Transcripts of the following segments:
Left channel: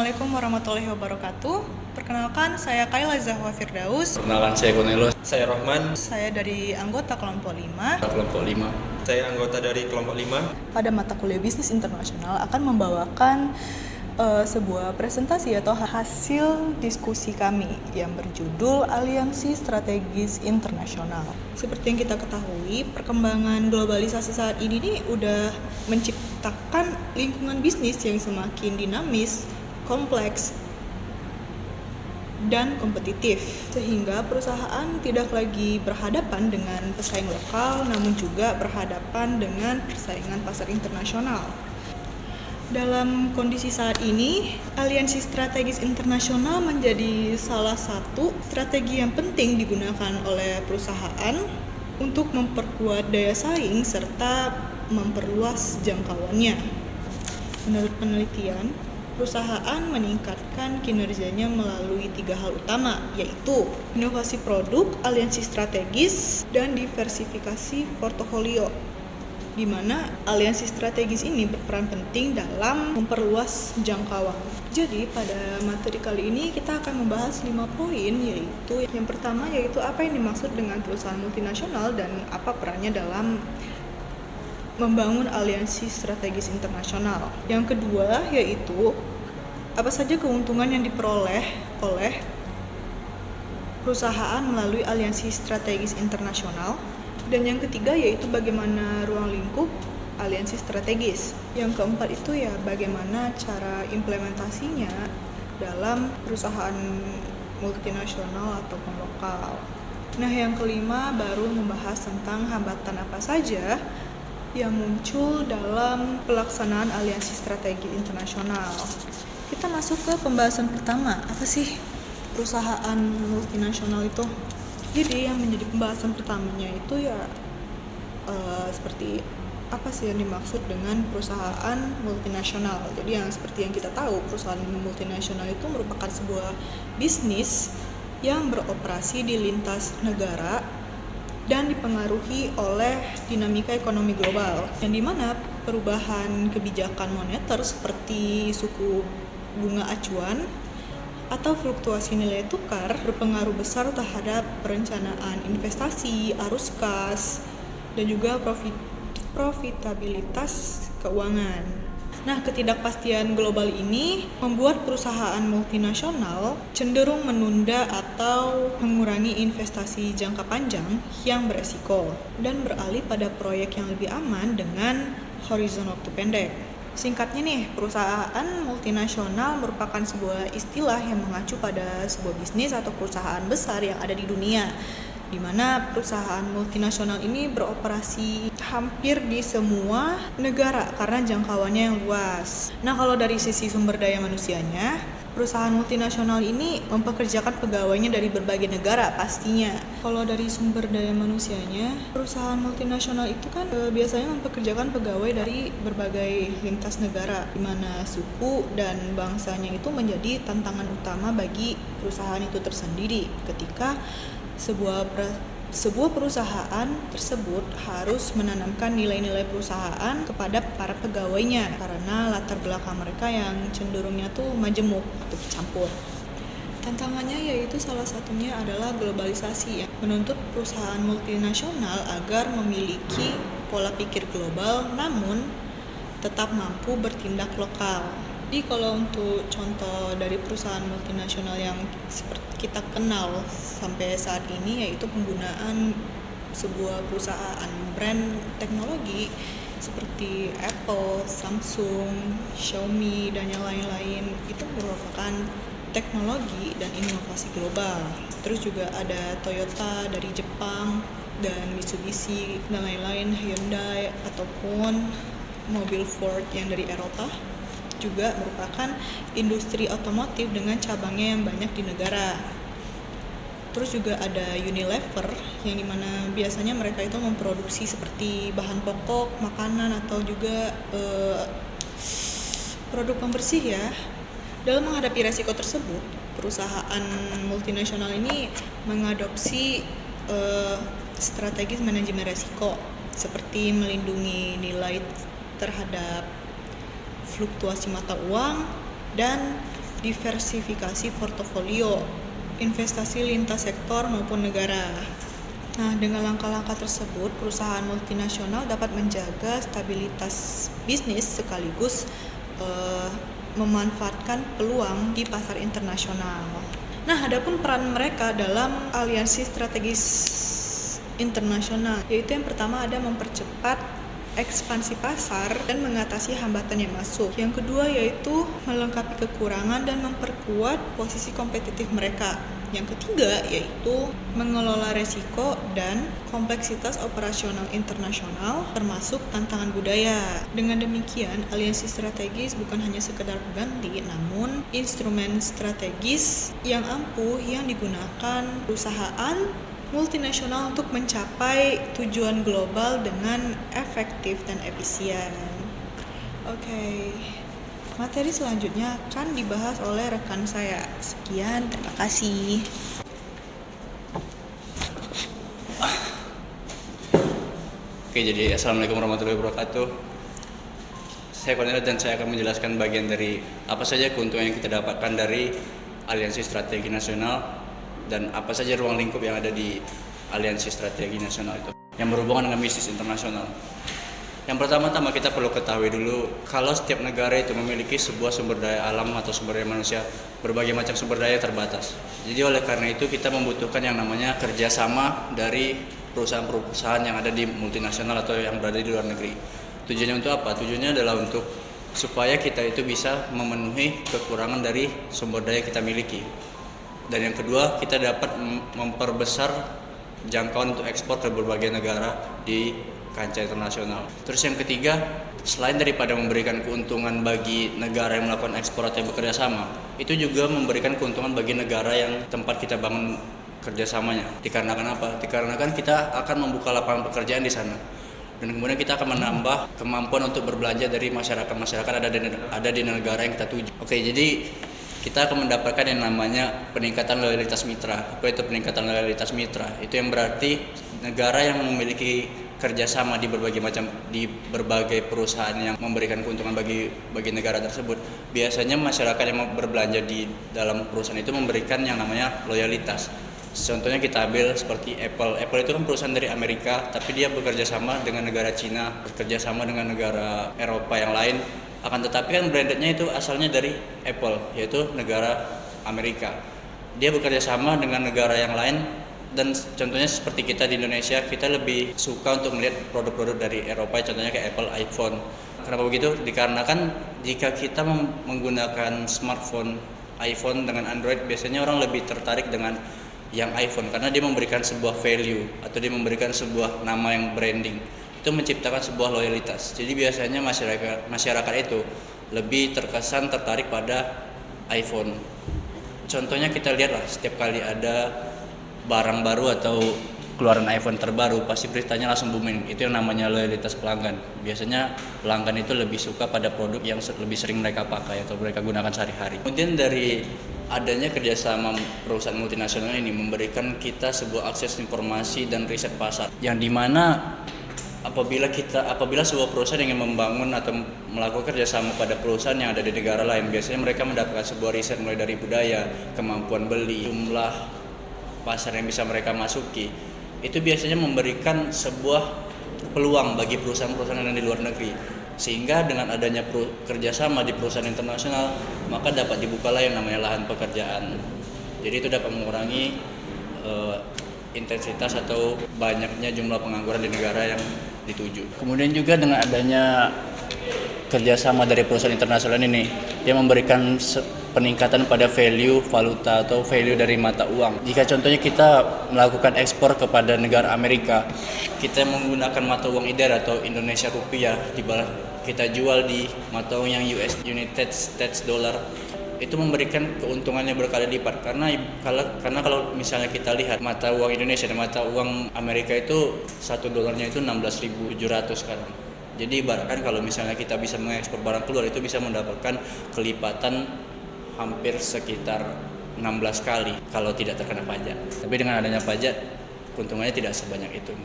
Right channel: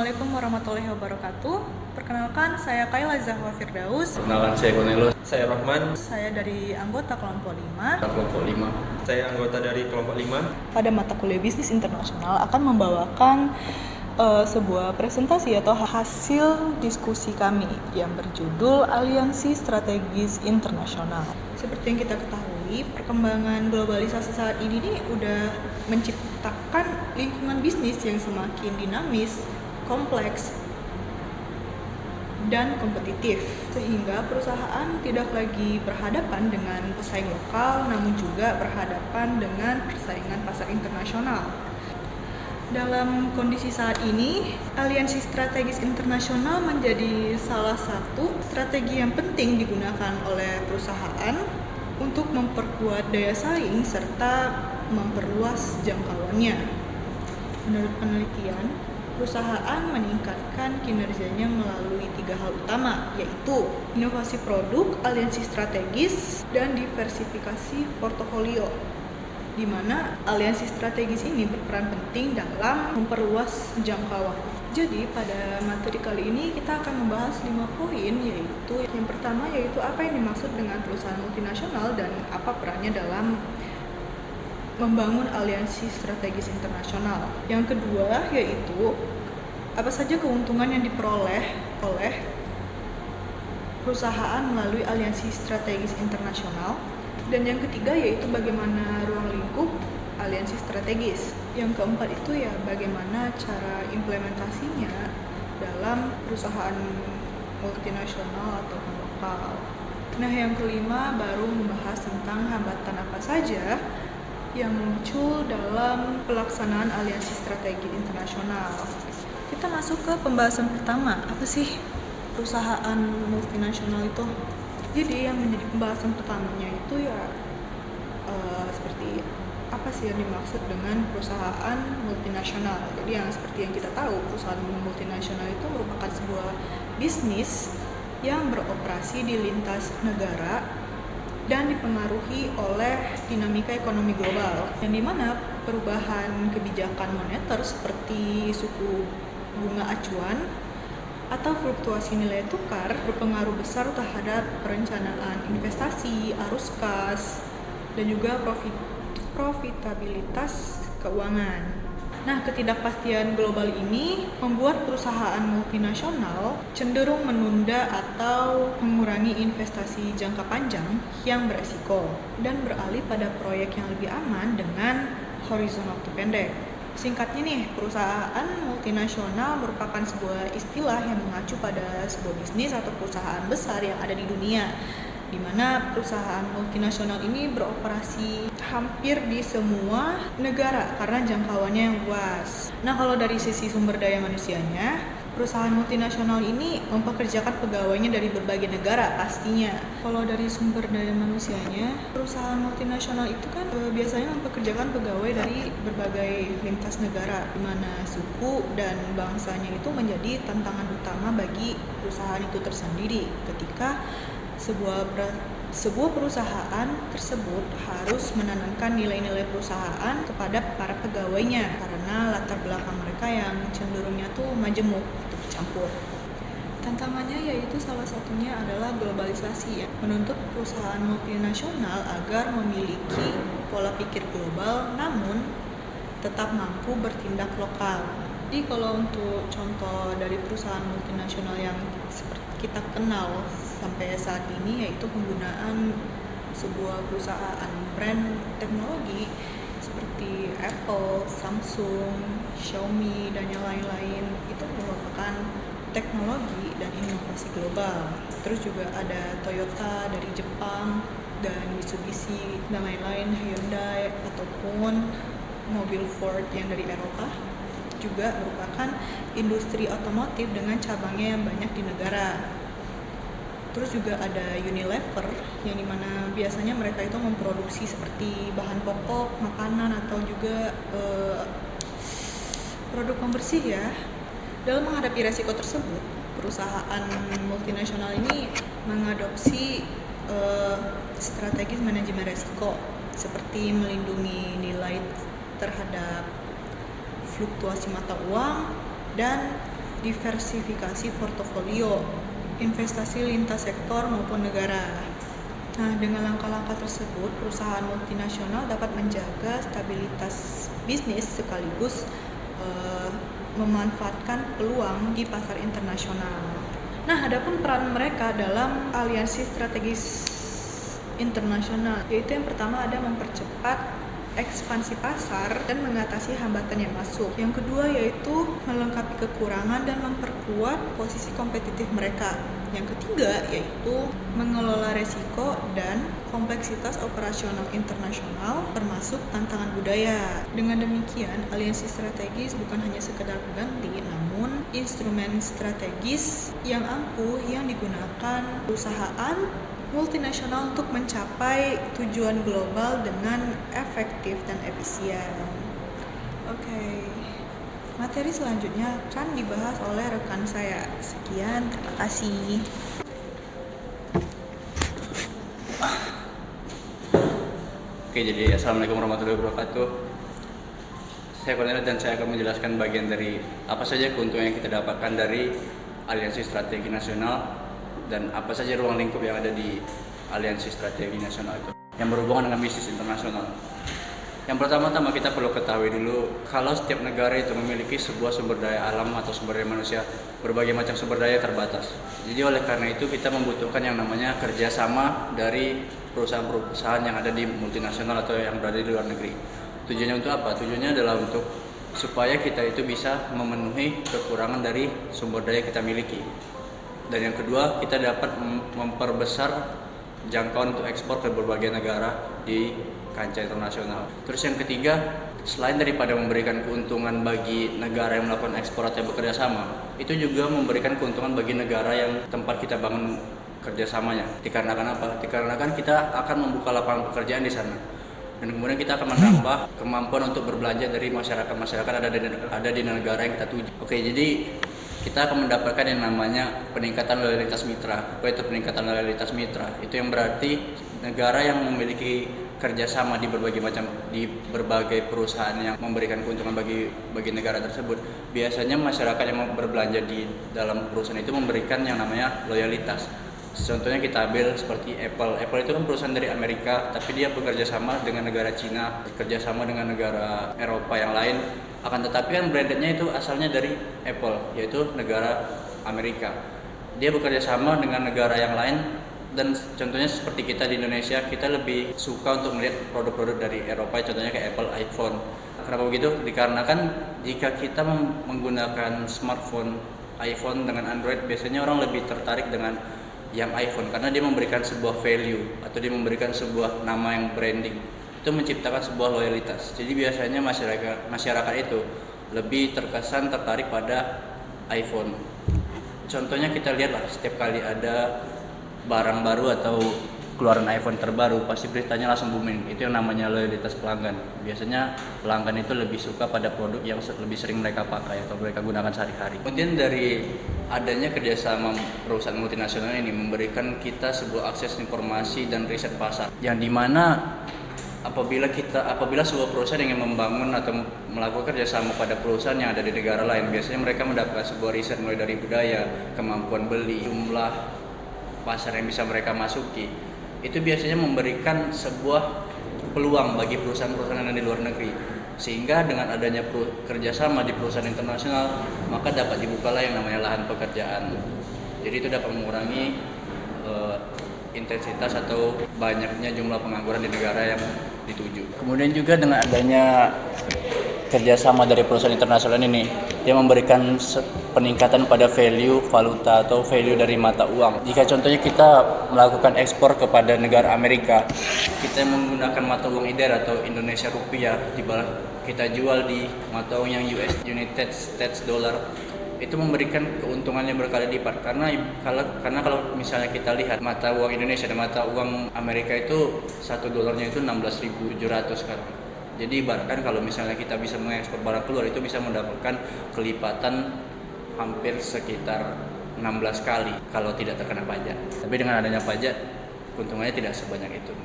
Assalamualaikum warahmatullahi wabarakatuh. Perkenalkan, saya Kayla Zahwa Firdaus. Kenalan, saya Gonelo. Saya Rahman. Saya dari anggota kelompok 5. Kelompok 5. Saya anggota dari kelompok 5. Pada mata kuliah bisnis internasional akan membawakan sebuah presentasi atau hasil diskusi kami yang berjudul Aliansi Strategis Internasional. Seperti yang kita ketahui, perkembangan globalisasi saat ini nih udah menciptakan lingkungan bisnis yang semakin dinamis, kompleks, dan kompetitif, sehingga perusahaan tidak lagi berhadapan dengan pesaing lokal, namun juga berhadapan dengan persaingan pasar internasional. Dalam kondisi saat ini, aliansi strategis internasional menjadi salah satu strategi yang penting digunakan oleh perusahaan untuk memperkuat daya saing serta memperluas jangkauannya. Menurut penelitian, perusahaan meningkatkan kinerjanya melalui 3 hal utama, yaitu inovasi produk, aliansi strategis, dan diversifikasi portofolio, di mana aliansi strategis ini berperan penting dalam memperluas jangkauan. Jadi pada materi kali ini kita akan membahas 5 poin, yaitu yang pertama yaitu apa yang dimaksud dengan perusahaan multinasional dan apa perannya dalam membangun aliansi strategis internasional. Yang kedua yaitu apa saja keuntungan yang diperoleh oleh perusahaan melalui aliansi strategis internasional. Dan yang ketiga yaitu bagaimana ruang lingkup aliansi strategis. Yang keempat itu ya bagaimana cara implementasinya dalam perusahaan multinasional atau lokal. Nah, yang kelima baru membahas tentang hambatan apa saja yang muncul dalam pelaksanaan aliansi strategi internasional. Kita masuk ke pembahasan pertama. Apa sih perusahaan multinasional itu? Jadi yang menjadi pembahasan pertamanya itu ya seperti apa sih yang dimaksud dengan perusahaan multinasional. Jadi yang seperti yang kita tahu, perusahaan multinasional itu merupakan sebuah bisnis yang beroperasi di lintas negara dan dipengaruhi oleh dinamika ekonomi global, yang dimana perubahan kebijakan moneter seperti suku bunga acuan atau fluktuasi nilai tukar berpengaruh besar terhadap perencanaan investasi, arus kas, dan juga profitabilitas keuangan. Nah, ketidakpastian global ini membuat perusahaan multinasional cenderung menunda atau mengurangi investasi jangka panjang yang beresiko dan beralih pada proyek yang lebih aman dengan horizon waktu pendek. Singkatnya nih, perusahaan multinasional merupakan sebuah istilah yang mengacu pada sebuah bisnis atau perusahaan besar yang ada di dunia, di mana perusahaan multinasional ini beroperasi hampir di semua negara karena jangkauannya yang luas. Nah, kalau dari sisi sumber daya manusianya, perusahaan multinasional ini mempekerjakan pegawainya dari berbagai negara pastinya. Kalau dari sumber daya manusianya, perusahaan multinasional itu kan biasanya mempekerjakan pegawai dari berbagai lintas negara, di mana suku dan bangsanya itu menjadi tantangan utama bagi perusahaan itu tersendiri ketika sebuah perusahaan tersebut harus menanamkan nilai-nilai perusahaan kepada para pegawainya karena latar belakang mereka yang cenderungnya tuh majemuk atau bercampur. Tantangannya yaitu salah satunya adalah globalisasi, menuntut perusahaan multinasional agar memiliki pola pikir global namun tetap mampu bertindak lokal. Jadi kalau untuk contoh dari perusahaan multinasional yang seperti kita kenal sampai saat ini, yaitu penggunaan sebuah perusahaan brand teknologi seperti Apple, Samsung, Xiaomi, dan yang lain-lain, itu merupakan teknologi dan inovasi global. Terus juga ada Toyota dari Jepang dan Mitsubishi dan lain-lain, Hyundai ataupun mobil Ford yang dari Eropa, juga merupakan industri otomotif dengan cabangnya yang banyak di negara. Terus juga ada Unilever yang dimana biasanya mereka itu memproduksi seperti bahan pokok, makanan atau juga produk pembersih ya. Dalam menghadapi resiko tersebut, perusahaan multinasional ini mengadopsi strategi manajemen resiko seperti melindungi nilai terhadap fluktuasi mata uang dan diversifikasi portofolio, investasi lintas sektor maupun negara. Nah, dengan langkah-langkah tersebut, perusahaan multinasional dapat menjaga stabilitas bisnis sekaligus memanfaatkan peluang di pasar internasional. Nah, adapun peran mereka dalam aliansi strategis internasional, yaitu yang pertama ada mempercepat ekspansi pasar dan mengatasi hambatan yang masuk. Yang kedua yaitu melengkapi kekurangan dan memperkuat posisi kompetitif mereka. Yang ketiga yaitu mengelola resiko dan kompleksitas operasional internasional termasuk tantangan budaya. Dengan demikian, aliansi strategis bukan hanya sekedar pengganti, namun instrumen strategis yang ampuh yang digunakan perusahaan multinasional untuk mencapai tujuan global dengan efektif dan efisien. Oke. Materi selanjutnya akan dibahas oleh rekan saya. Sekian, terima kasih. Oke, jadi Assalamualaikum warahmatullahi wabarakatuh. Saya Cornelia dan saya akan menjelaskan bagian dari apa saja keuntungan yang kita dapatkan dari Aliansi Strategi Nasional dan apa saja ruang lingkup yang ada di Aliansi Strategi Nasional itu yang berhubungan dengan bisnis internasional. Yang pertama-tama kita perlu ketahui dulu kalau setiap negara itu memiliki sebuah sumber daya alam atau sumber daya manusia, berbagai macam sumber daya terbatas. Jadi oleh karena itu kita membutuhkan yang namanya kerjasama dari perusahaan-perusahaan yang ada di multinasional atau yang berada di luar negeri. Tujuannya untuk apa? Tujuannya adalah untuk supaya kita itu bisa memenuhi kekurangan dari sumber daya kita miliki. Dan yang kedua, kita dapat memperbesar jangkauan untuk ekspor ke berbagai negara di kancah internasional. Terus yang ketiga, selain daripada memberikan keuntungan bagi negara yang melakukan ekspor atau yang bekerja sama, itu juga memberikan keuntungan bagi negara yang tempat kita bangun kerjasamanya. Dikarenakan apa? Dikarenakan kita akan membuka lapangan pekerjaan di sana. Dan kemudian kita akan menambah kemampuan untuk berbelanja dari masyarakat ada di negara yang kita tuju. Oke, jadi kita akan mendapatkan yang namanya peningkatan loyalitas mitra. Apa itu peningkatan loyalitas mitra? Itu yang berarti negara yang memiliki kerjasama di berbagai perusahaan yang memberikan keuntungan bagi negara tersebut. Biasanya masyarakat yang berbelanja di dalam perusahaan itu memberikan yang namanya loyalitas. Contohnya kita ambil seperti Apple. Apple itu kan perusahaan dari Amerika, tapi dia bekerja sama dengan negara Cina, bekerja sama dengan negara Eropa yang lain. Akan tetapi kan brandednya itu asalnya dari Apple, yaitu negara Amerika. Dia bekerja sama dengan negara yang lain, dan contohnya seperti kita di Indonesia, kita lebih suka untuk melihat produk-produk dari Eropa, contohnya kayak Apple, iPhone. Kenapa begitu? Dikarenakan jika kita menggunakan smartphone iPhone dengan Android, biasanya orang lebih tertarik dengan yang iPhone karena dia memberikan sebuah value atau dia memberikan sebuah nama yang branding. Itu menciptakan sebuah loyalitas. Jadi biasanya masyarakat itu lebih tertarik pada iPhone. Contohnya kita lihatlah setiap kali ada barang baru atau keluaran iPhone terbaru, pasti beritanya langsung booming. Itu yang namanya loyalitas pelanggan. Biasanya pelanggan itu lebih suka pada produk yang lebih sering mereka pakai atau mereka gunakan sehari-hari. Kemudian dari adanya kerjasama perusahaan multinasional ini memberikan kita sebuah akses informasi dan riset pasar, yang dimana apabila sebuah perusahaan ingin membangun atau melakukan kerjasama pada perusahaan yang ada di negara lain, biasanya mereka mendapatkan sebuah riset mulai dari budaya, kemampuan beli, jumlah pasar yang bisa mereka masuki. Itu biasanya memberikan sebuah peluang bagi perusahaan-perusahaan yang di luar negeri, sehingga dengan adanya kerjasama di perusahaan internasional, maka dapat dibukalah yang namanya lahan pekerjaan. Jadi itu dapat mengurangi intensitas atau banyaknya jumlah pengangguran di negara yang dituju. Kemudian juga dengan adanya kerjasama dari perusahaan internasional ini, dia memberikan peningkatan pada value valuta atau value dari mata uang. Jika contohnya kita melakukan ekspor kepada negara Amerika, kita menggunakan mata uang IDR atau Indonesia rupiah, kita jual di mata uang yang United States dollar, itu memberikan keuntungannya berkali lipat. Karena kalau misalnya kita lihat mata uang Indonesia dan mata uang Amerika itu $1 itu 16.700 sekarang. Jadi ibaratkan kalau misalnya kita bisa mengekspor barang keluar, itu bisa mendapatkan kelipatan hampir sekitar 16 kali kalau tidak terkena pajak. Tapi dengan adanya pajak, keuntungannya tidak sebanyak itu,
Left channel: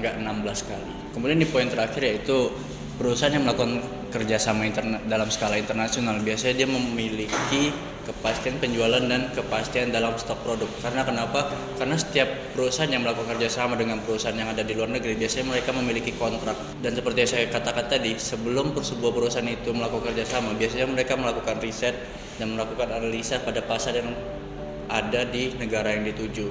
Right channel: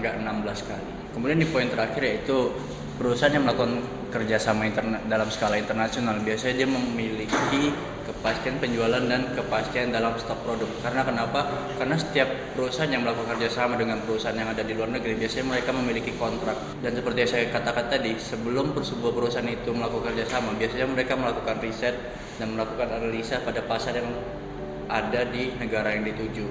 enggak 16 kali. Kemudian di poin terakhir yaitu perusahaan yang melakukan kerjasama dalam skala internasional, biasanya dia memiliki kepastian penjualan dan kepastian dalam stok produk. Karena kenapa? Karena setiap perusahaan yang melakukan kerjasama dengan perusahaan yang ada di luar negeri, biasanya mereka memiliki kontrak. Dan seperti yang saya katakan tadi, sebelum sebuah perusahaan itu melakukan kerjasama, biasanya mereka melakukan riset dan melakukan analisa pada pasar yang ada di negara yang dituju.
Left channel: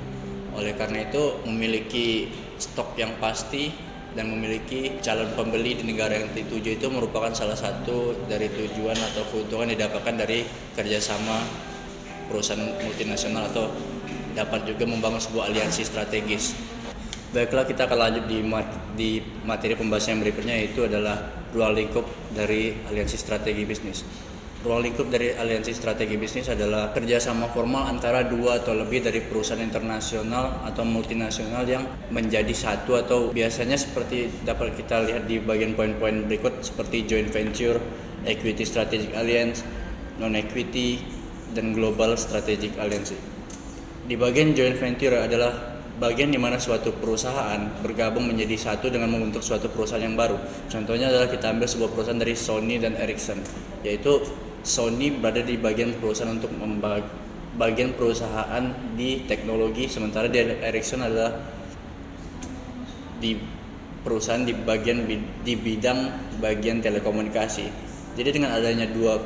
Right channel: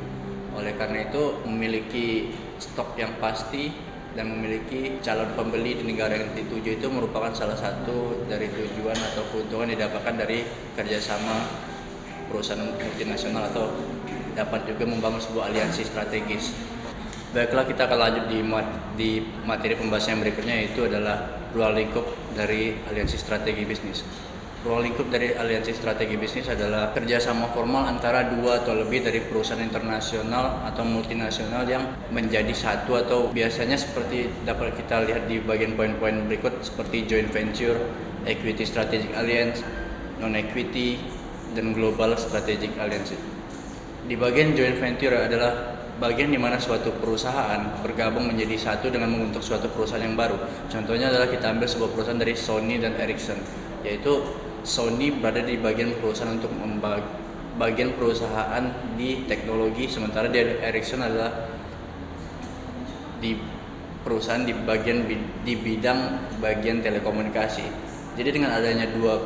Oleh karena itu, memiliki stok yang pasti dan memiliki calon pembeli di negara yang dituju itu merupakan salah satu dari tujuan atau keuntungan yang didapatkan dari kerjasama perusahaan multinasional, atau dapat juga membangun sebuah aliansi strategis. Baiklah, kita akan lanjut di materi pembahasan yang berikutnya, yaitu adalah ruang lingkup dari aliansi strategi bisnis. Ruang lingkup dari aliansi strategi bisnis adalah kerjasama formal antara dua atau lebih dari perusahaan internasional atau multinasional yang menjadi satu, atau biasanya seperti dapat kita lihat di bagian poin-poin berikut, seperti joint venture, equity strategic alliance, non-equity, dan global strategic alliance. Di bagian joint venture adalah bagian di mana suatu perusahaan bergabung menjadi satu dengan membentuk suatu perusahaan yang baru. Contohnya adalah kita ambil sebuah perusahaan dari Sony dan Ericsson, yaitu Sony berada di bagian perusahaan untuk bagian perusahaan di teknologi, sementara di Ericsson adalah di perusahaan di bidang bagian telekomunikasi. Jadi dengan adanya dua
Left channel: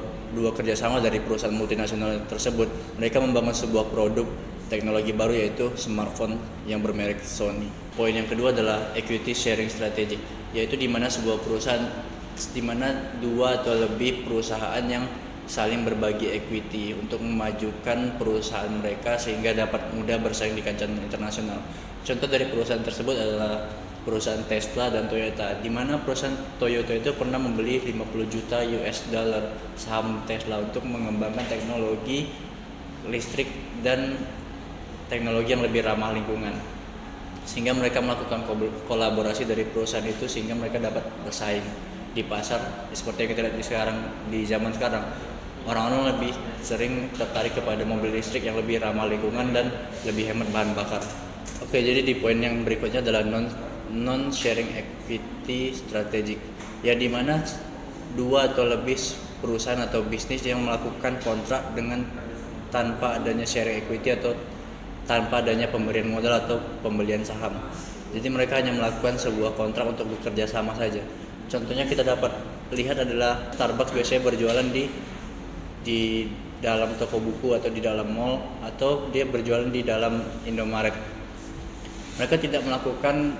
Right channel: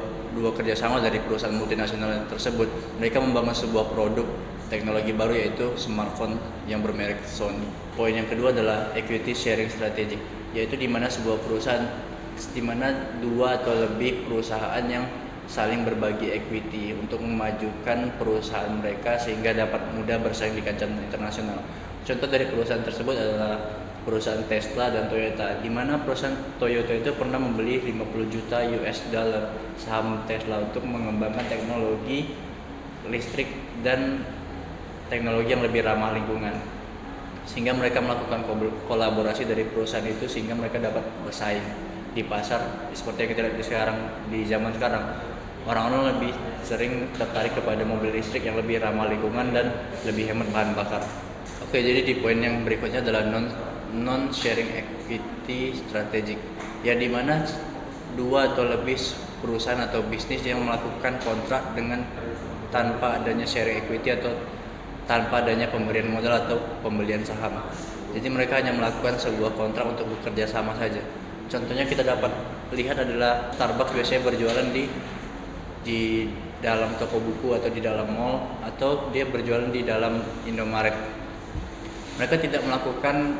kerjasama dari perusahaan multinasional tersebut, mereka membangun sebuah produk teknologi baru, yaitu smartphone yang bermerek Sony. Poin yang kedua adalah equity sharing strategy, yaitu di mana sebuah perusahaan, di mana dua atau lebih perusahaan yang saling berbagi equity untuk memajukan perusahaan mereka sehingga dapat mudah bersaing di kancah internasional. Contoh dari perusahaan tersebut adalah perusahaan Tesla dan Toyota, di mana perusahaan Toyota itu pernah membeli 50 juta US dollar saham Tesla untuk mengembangkan teknologi listrik dan teknologi yang lebih ramah lingkungan, sehingga mereka melakukan kolaborasi dari perusahaan itu sehingga mereka dapat bersaing di pasar. Seperti yang kita lihat sekarang, di zaman sekarang, orang-orang lebih sering tertarik kepada mobil listrik yang lebih ramah lingkungan dan lebih hemat bahan bakar. Oke, jadi di poin yang berikutnya adalah non-sharing equity strategic, ya di mana dua atau lebih perusahaan atau bisnis yang melakukan kontrak dengan tanpa adanya sharing equity atau tanpa adanya pemberian modal atau pembelian saham. Jadi mereka hanya melakukan sebuah kontrak untuk bekerja sama saja. Contohnya kita dapat lihat adalah Starbucks biasanya berjualan di dalam toko buku atau di dalam mall, atau dia berjualan di dalam Indomaret. Mereka tidak melakukan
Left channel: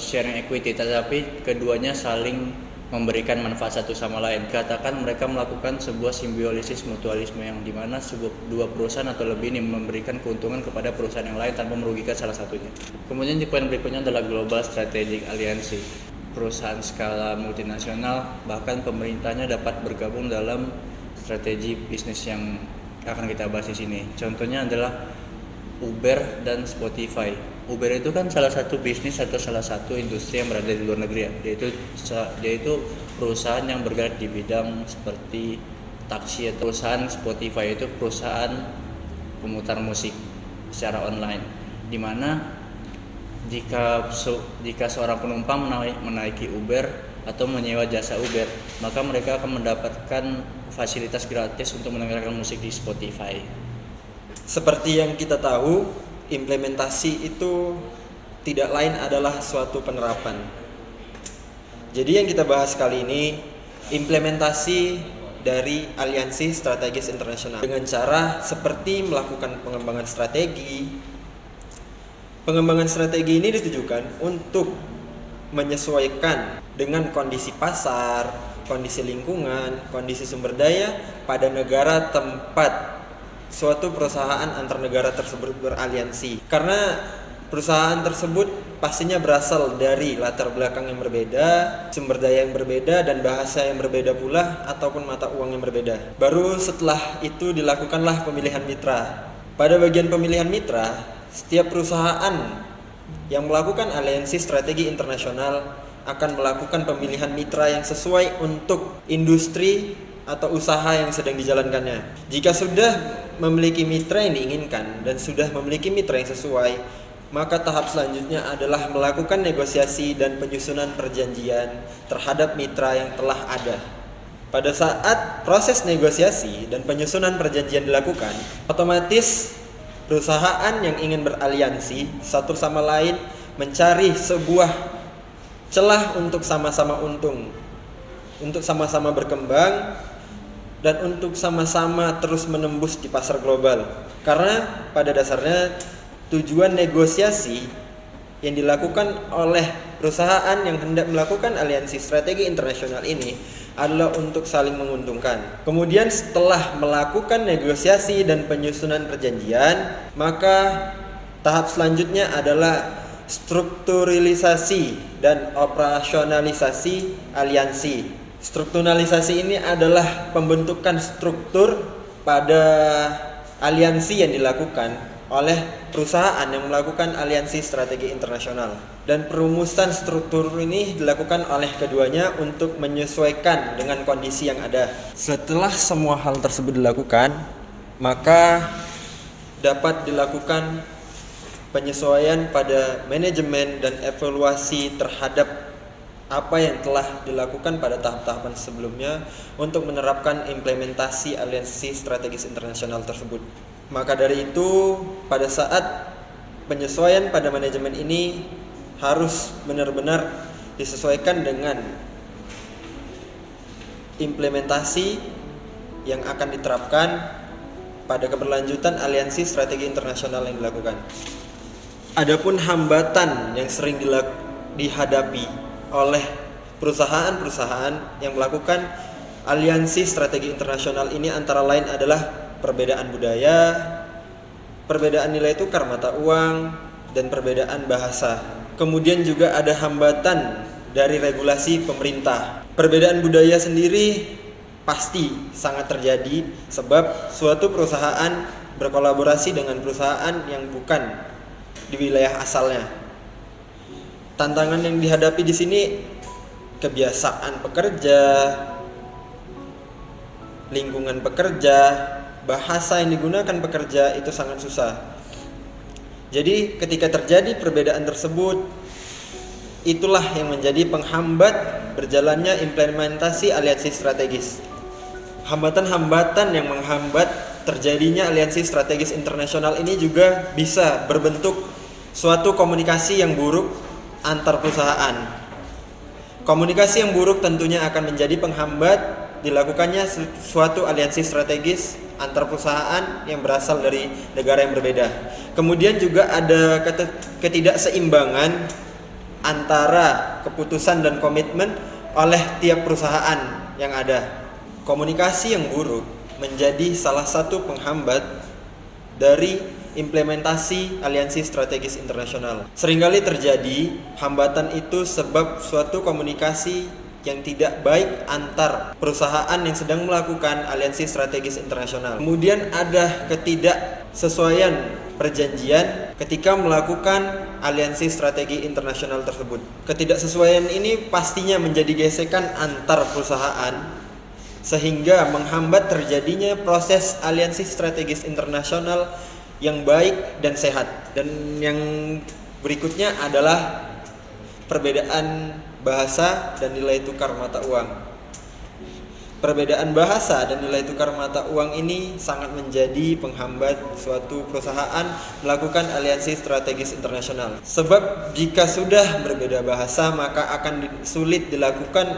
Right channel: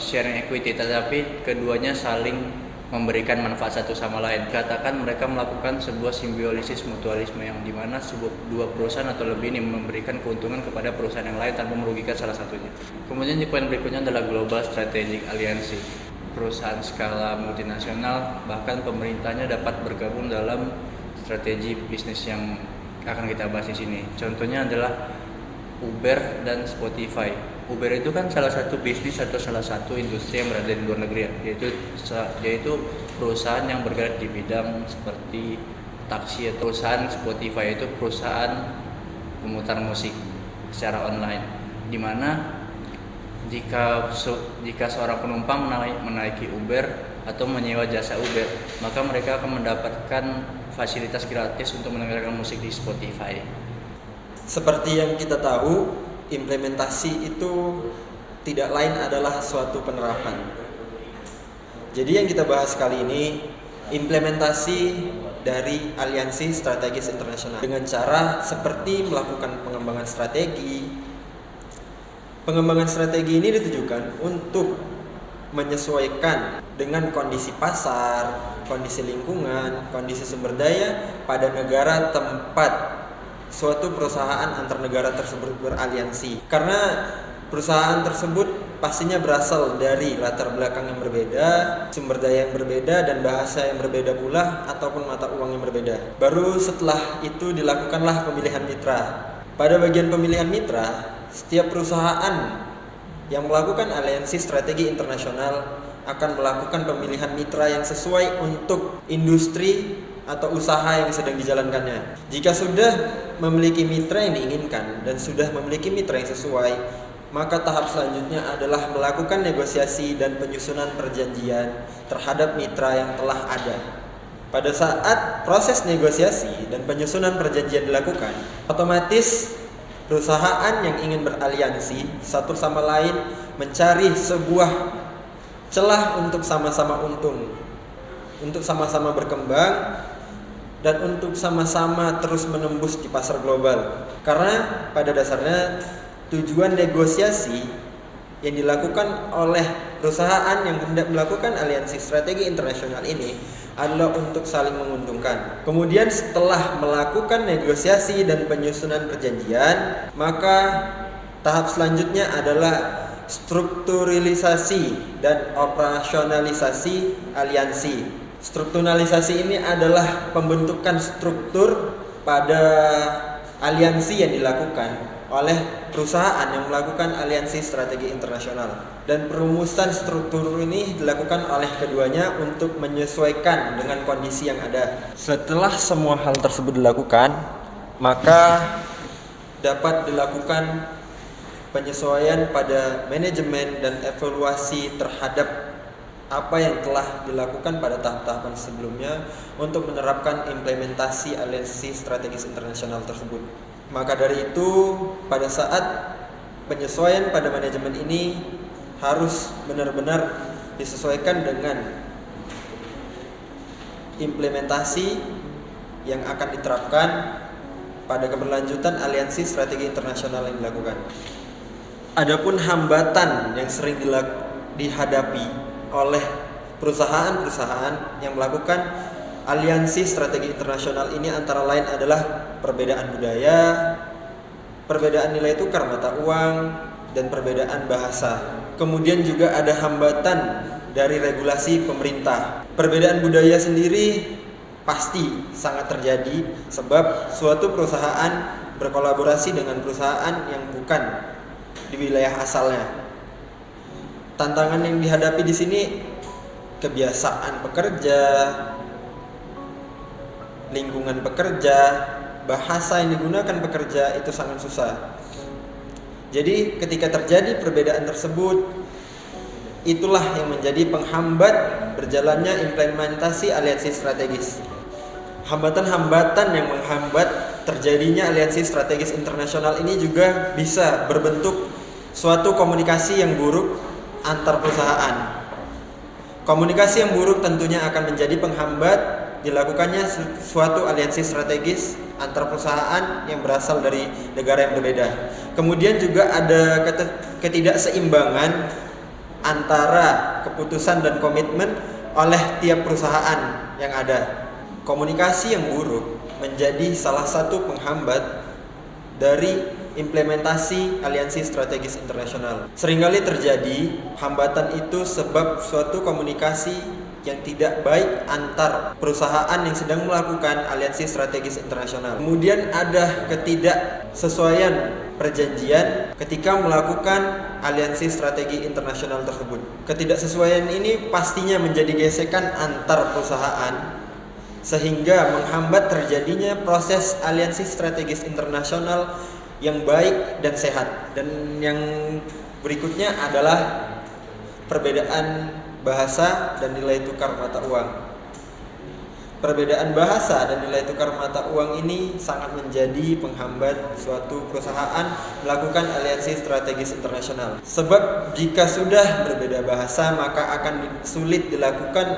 sharing equity, tetapi keduanya saling memberikan manfaat satu sama lain. Katakan mereka melakukan sebuah simbiosis mutualisme, yang dimana dua perusahaan atau lebih ini memberikan keuntungan kepada perusahaan yang lain tanpa merugikan salah satunya. Kemudian di poin berikutnya adalah global strategic alliance. Perusahaan skala multinasional bahkan pemerintahnya dapat bergabung dalam strategi bisnis yang akan kita bahas di sini. Contohnya adalah Uber dan Spotify. Uber itu kan salah satu bisnis atau salah satu industri yang berada di luar negeri, yaitu perusahaan yang bergerak di bidang seperti taksi. Perusahaan Spotify itu perusahaan pemutar musik secara online, di mana jika seorang penumpang menaiki Uber atau menyewa jasa Uber, maka mereka akan mendapatkan fasilitas gratis untuk mendengarkan musik di Spotify. Seperti yang kita tahu, implementasi itu tidak lain adalah suatu penerapan. Jadi yang kita bahas kali ini implementasi dari aliansi strategis internasional dengan cara seperti melakukan pengembangan strategi. Pengembangan strategi ini ditujukan untuk menyesuaikan dengan kondisi pasar, kondisi lingkungan, kondisi sumber daya pada negara tempat suatu perusahaan antar negara tersebut beraliansi. Karena perusahaan tersebut pastinya berasal dari latar belakang yang berbeda, sumber daya yang berbeda, dan bahasa yang berbeda pula, ataupun mata uang yang berbeda. Baru setelah itu dilakukanlah pemilihan mitra. Pada bagian pemilihan mitra, setiap perusahaan yang melakukan aliansi strategi internasional akan melakukan pemilihan mitra yang sesuai untuk industri atau usaha yang sedang dijalankannya. Jika sudah memiliki mitra yang diinginkan dan sudah memiliki mitra yang sesuai, maka tahap selanjutnya adalah melakukan negosiasi dan penyusunan perjanjian terhadap mitra yang telah ada. pada saat proses negosiasi dan penyusunan perjanjian dilakukan, otomatis perusahaan yang ingin beraliansi satu sama lain mencari sebuah celah untuk sama-sama untung, untuk sama-sama berkembang, dan untuk sama-sama terus menembus di pasar global. Karena pada dasarnya tujuan negosiasi yang dilakukan oleh perusahaan yang hendak melakukan aliansi strategi internasional ini adalah untuk saling menguntungkan. Kemudian setelah melakukan negosiasi dan penyusunan perjanjian, maka tahap selanjutnya adalah strukturalisasi dan operasionalisasi aliansi. Strukturalisasi ini adalah pembentukan struktur pada aliansi yang dilakukan oleh perusahaan yang melakukan aliansi strategi internasional, dan perumusan struktur ini dilakukan oleh keduanya untuk menyesuaikan dengan kondisi yang ada. Setelah semua hal tersebut dilakukan, maka dapat dilakukan penyesuaian pada manajemen dan evaluasi terhadap apa yang telah dilakukan pada tahap-tahapan sebelumnya untuk menerapkan implementasi aliansi strategis internasional tersebut. Maka dari itu, pada saat penyesuaian pada manajemen ini harus benar-benar disesuaikan dengan implementasi yang akan diterapkan pada keberlanjutan aliansi strategi internasional yang dilakukan. Adapun hambatan yang sering dihadapi oleh perusahaan-perusahaan yang melakukan aliansi strategi internasional ini antara lain adalah perbedaan budaya, perbedaan nilai tukar mata uang, dan perbedaan bahasa. Kemudian juga ada hambatan dari regulasi pemerintah. Perbedaan budaya sendiri pasti sangat terjadi sebab suatu perusahaan berkolaborasi dengan perusahaan yang bukan di wilayah asalnya. Tantangan yang dihadapi di sini kebiasaan pekerja, lingkungan pekerja, bahasa yang digunakan pekerja itu sangat susah. Jadi ketika terjadi perbedaan tersebut, itulah yang menjadi penghambat berjalannya implementasi aliansi strategis. Hambatan-hambatan yang menghambat terjadinya aliansi strategis internasional ini juga bisa berbentuk suatu komunikasi yang buruk antar perusahaan. Komunikasi yang buruk tentunya akan menjadi penghambat dilakukannya suatu aliansi strategis antar perusahaan yang berasal dari negara yang berbeda. Kemudian juga ada ketidakseimbangan antara keputusan dan komitmen oleh tiap perusahaan yang ada. Komunikasi yang buruk menjadi salah satu penghambat dari implementasi aliansi strategis internasional. Seringkali terjadi hambatan itu sebab suatu komunikasi yang tidak baik antar perusahaan yang sedang melakukan aliansi strategis internasional. Kemudian ada ketidaksesuaian perjanjian ketika melakukan aliansi strategi internasional tersebut. Ketidaksesuaian ini pastinya menjadi gesekan antar perusahaan sehingga menghambat terjadinya proses aliansi strategis internasional yang baik dan sehat. Dan yang berikutnya adalah perbedaan bahasa dan nilai tukar mata uang. Perbedaan bahasa dan nilai tukar mata uang ini sangat menjadi penghambat suatu perusahaan melakukan aliansi strategis internasional. Sebab jika sudah berbeda bahasa, maka akan sulit dilakukan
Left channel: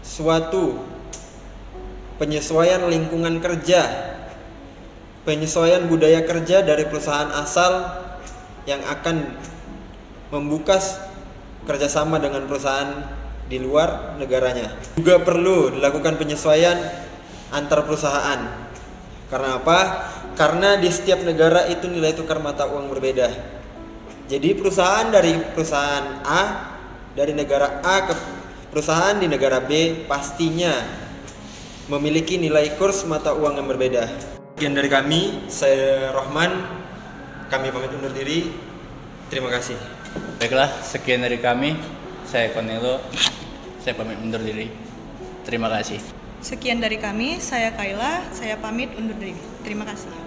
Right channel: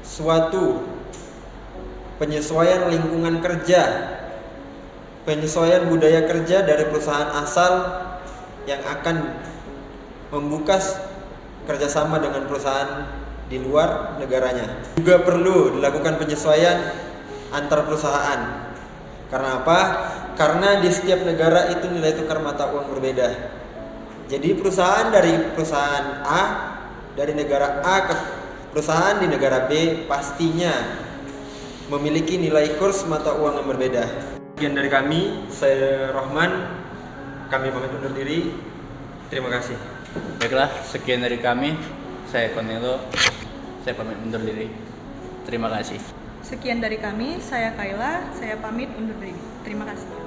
suatu penyesuaian lingkungan kerja, penyesuaian budaya kerja dari perusahaan asal yang akan membuka kerjasama dengan perusahaan di luar negaranya. Juga perlu dilakukan penyesuaian antar perusahaan. Karena apa? Karena di setiap negara itu nilai tukar mata uang berbeda. Jadi perusahaan dari perusahaan A dari negara A ke perusahaan di negara B pastinya memiliki nilai kurs mata uang yang berbeda. Sekian dari kami, saya Rohman. Kami pamit undur diri. Terima kasih. Baiklah, sekian dari kami. Saya Konelo. Saya pamit undur diri. Terima kasih. Sekian dari kami, saya Kaila. Saya pamit undur diri. Terima kasih.